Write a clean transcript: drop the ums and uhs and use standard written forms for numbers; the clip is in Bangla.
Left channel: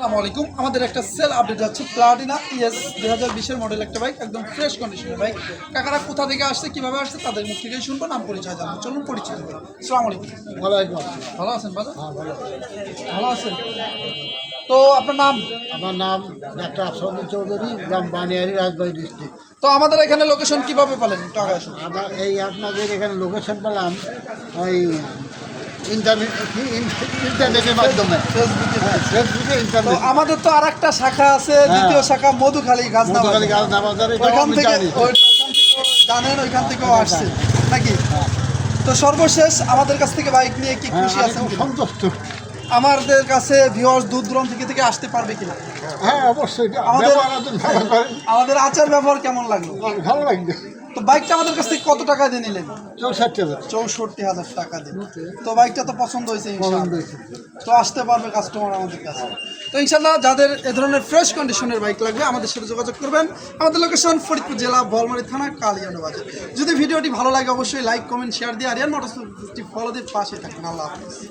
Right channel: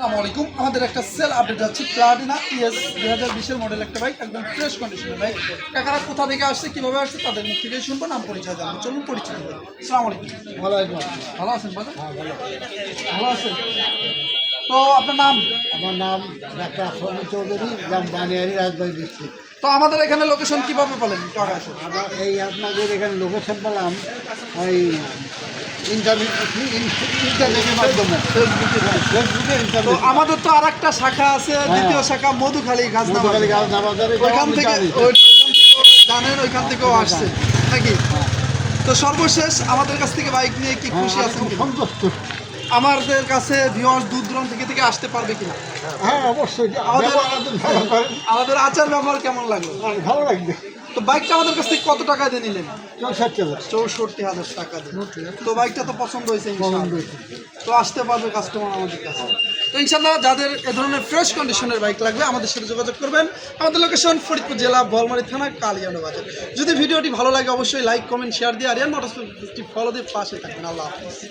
আসসালামু আলাইকুম। আমাদের একটা সেল আপডেট যাচ্ছে প্লাটিনা ইএস 2020 মডেল একটা বাইক, একদম ফ্রেশ কন্ডিশনের বাইক। কাকারা কোথা থেকে আসছে, কিভাবে আসছে, তাদের মুখ থেকে শুনবো, নাম পরিচয় জানবো। চলুন পরিচয় করি। আসসালামু আলাইকুম। ওয়ালাইকুম আসসালাম। ভালো আছেন ভালো? হ্যাঁ, ভালো। ভালো আছেন। তো আপনার নাম? আমার নাম ডাক্তার আফরুল চৌধুরী, গ্রাম বানিয়ারি, রাজবাড়ী ডিস্ট্রিক্ট। তো আমাদের এখানে লোকেশন কিভাবে পেলেন? টাকা আসে আমার আপনাদের এখানে লোকেশন পেলাম ওই ইন্টারনেটের মাধ্যমে, ফেসবুকে তো ইন্টারনেট। আমাদের তো আর একটা শাখা আছে, দ্বিতীয় শাখা মধুখালী মধুখালী গাছ বাজারে ওইখান থেকে জানি। জানেন, ওইখান থেকেও আসছে নাকি? হ্যাঁ, তো সর্বশেষ আমাদের কাছ থেকে বাইক নিয়ে কি হ্যাঁ, খুশি আমি আছেন খুব কিনা? সন্তুষ্ট। আমাদের কাছে ভিউয়ার্স দূর দূরান্ত থেকে আসতে পারবে কিনা? হ্যাঁ, অবশ্যই। আমাদের- ব্যবহার আপনি ভালো করেন। আমাদের আচার ব্যবহার কেমন লাগলো? ভালো লাগবে। তো বাইকটা আমাদের কাছ থেকে কত টাকা দিয়ে নিলেন? 64,000 64,000 টাকা দিয়ে। তো বাইকটা তো পছন্দ হয়েছে ইনশাআল্লাহ। পছন্দ হয়েছে। তো আসতে পারবে কাস্টমার আমাদের কাছে। তো ইনশাআল্লাহ যাদের এ ধরনের ফ্রেশ কন্ডিশনের বাইক লাগবে আমাদের সাথে যোগাযোগ করবেন। আমাদের লোকেশন ফরিদপুর জেলা বোয়ালমারী থানা কালিয়ানো বাজার। যদি ভিডিওটি ভালো লাগে অবশ্যই লাইক কমেন্ট শেয়ার দিয়ে আরিয়ান মোটরস ফলো দিয়ে পাশে থাকবেন। আল্লাহ হাফেজ।